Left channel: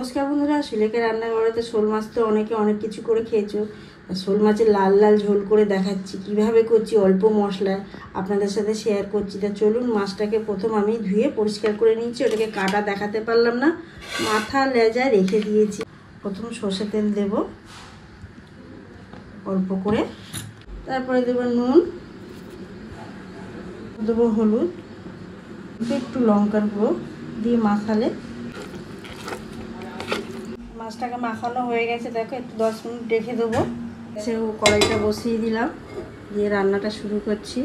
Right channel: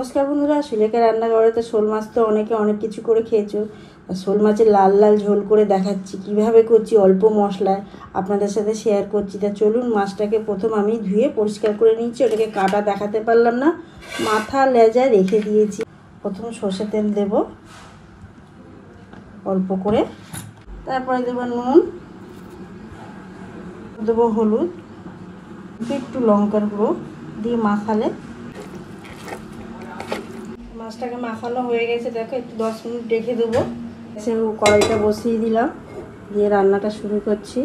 নমস্কার বন্ধুরা, সুলেখা রান্নাঘরেতে শোল মাছ তো অনেকে অনেক কিছু করে খেয়েছো। শোল মাছের লাল লাল ঝোল করে দেখাচ্ছি কিভাবে করছি, অল্প মশলায় আপনাদের সাথে শেয়ার করছি। তা চলুন, মাছটাকে প্রথম আমি ধুয়ে পরিষ্কার করে নিচ্ছি। ওটাকে কাটা দেখাতে পারলাম না, মাথা লেজায় রেখে দিয়েছি। প্রথম সর্ষে তেল দেব অল্প করে, তারপরে দেবো নুন, দেবো হলুদ, একটু লঙ্কার গুঁড়ো দিয়ে মাখালে। মাছটাকে মাখানো হয়ে গেছে, দেখো একটু 10 মিনিট রেখে দেবো। কড়াইটা বসিয়ে দিলাম, দিয়ে রান্নাটা শুরু করছি।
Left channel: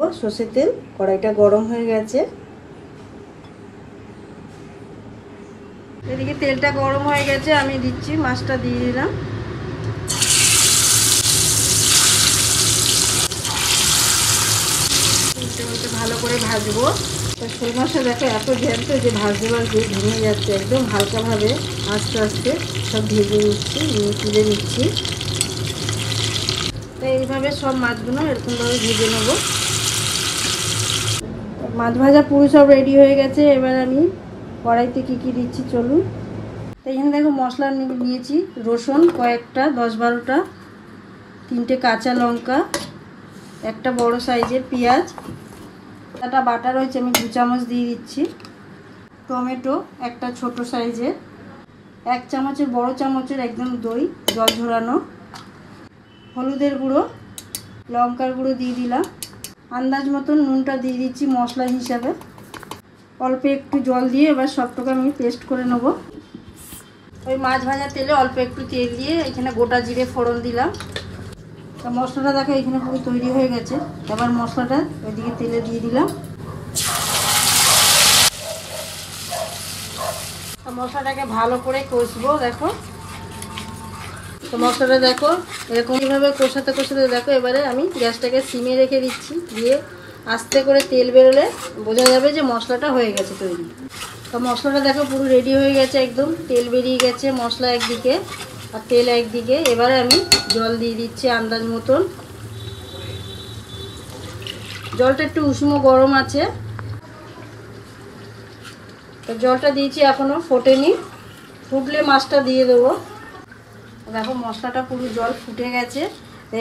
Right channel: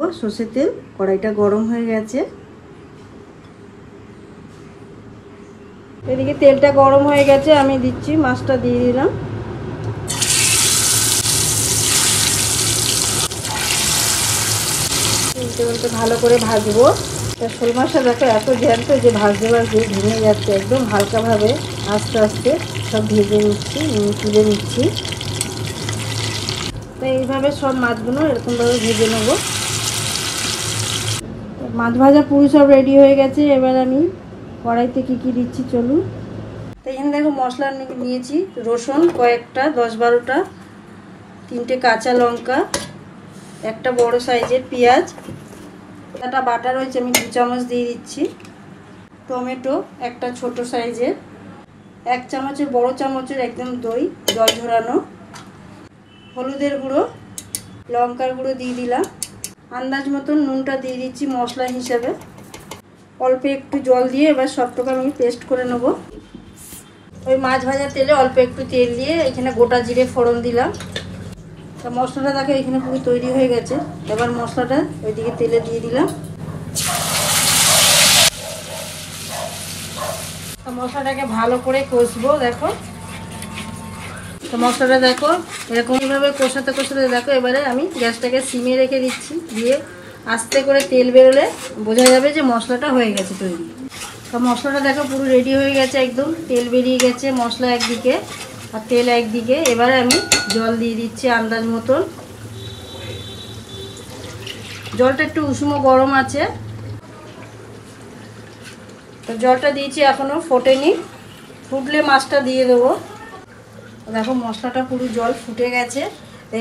ও সর্ষের তেল, কড়াইটা গরম হয়ে গেছে। এদিকে তেলটা গরম হয়ে গেছে, আমি দিচ্ছি মাছটা দিয়ে দিলাম। ভালো করে ভাজবো। শোল মাছটা দেখো এত জ্যান্ত যে ভাজতে ভাজতে ভেঙে যাচ্ছে। একদম হালকাভাবে আস্তে আস্তে সব ভেজে নিচ্ছি, তুলে নিচ্ছি। এইভাবে সব মাছগুলো এরকমভাবে ভেজে নেবো। মাছ ভাজার পুরো সব রেডি হয়ে গেছে। এবার আমি কড়াইতে কি কি দিচ্ছি চলুন। তো এখানে দেখো মশলা নিয়েছি, রসুন কয়েকটা 10-12টা, 3টে কাঁচা লঙ্কা, একটা বড় সাইজের পেঁয়াজ, একটা বাটা রয়েছে আমি 2 চামচ দিয়ে দিচ্ছি। টমেটো একটা ছোট সাইজের, 1 চামচের বড় চামচের একদম দই জল ঝরানো, হলুদের গুঁড়ো, লঙ্কার গুঁড়ো দিয়ে দিলাম, আন্দাজ মতন নুনটা দিয়ে দিচ্ছি মশলা হিসাবে। অল্প একটু জল দিয়ে এবার সবটাকে আমি পেস্ট করে নেব। ওই মাছ ভাজার তেলে অল্প একটু তেল দিয়ে এখানে গোটা জিরে ফোড়ন দিলাম। তা মশলাটা দেখো এখানে পুরো তৈরি হয়ে গেছে। এবার মশলাটা ওইদিকে তেলে দিয়ে দিলাম। মশলাটাকে ভালো করে কষবো। দেখো মশলাটা দেখো এরকম এইভাবে কষাতে কষাতে দেখো এবারে আমি গ্যাসটাকে সিমে রেখে দিচ্ছি। দিয়ে আস্তে করে তেল বেরোলে বোঝা যাবে যে মশলাটা হয়ে গেছে তৈরি। তো মশলাটা দেখো পুরো রেডি হয়ে গেছে, একদম তেল বেরিয়ে গেছে, মশলা একদিকে আর তেল একদিকে। এবারে আমি জল দিয়ে দিচ্ছি আন্দাজ মতন। জলটা একটু উষ্ণ গরম আছে, তো জলটা দিয়েছি এখনো ফোটেনি, ফুটলে মাছটা দিয়ে দেবো। দেখো মশলাটা পুরো জল ফুটে গেছে।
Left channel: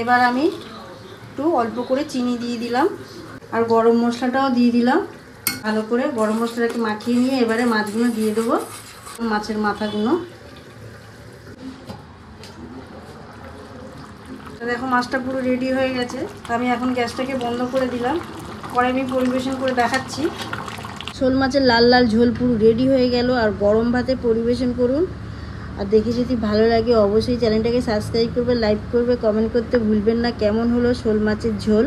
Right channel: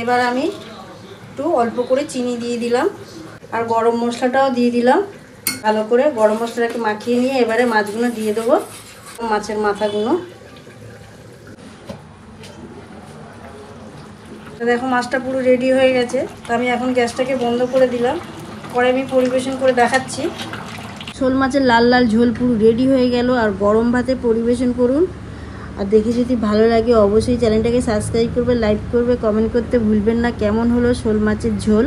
এবার আমি একটু অল্প করে চিনি দিয়ে দিলাম আর গরম মশলাটাও দিয়ে দিলাম। ভালো করে গরম মশলাটাকে মাখিয়ে নিয়ে এবারে মাছগুলো দিয়ে দেবো, মাছের মাথাগুলো। দেখো মাছটা পুরো রেডি হয়ে গেছে। আমি এখন গ্যাসটাকে বন্ধ করে দিলাম, পরে আমি পরিবেশন করে দেখাচ্ছি। শোল মাছের লাল লাল ঝোল পুরো রেডি হয়ে গেল। আর গরম ভাতে পরিবেশন করুন। আর দেখে যদি ভালো লাগে অবশ্যই চ্যানেলটাকে সাবস্ক্রাইব করবে, লাইক করবে, কমেন্ট করতে ভুলবেন না কেমন হলো শোল মাছের ঝোল।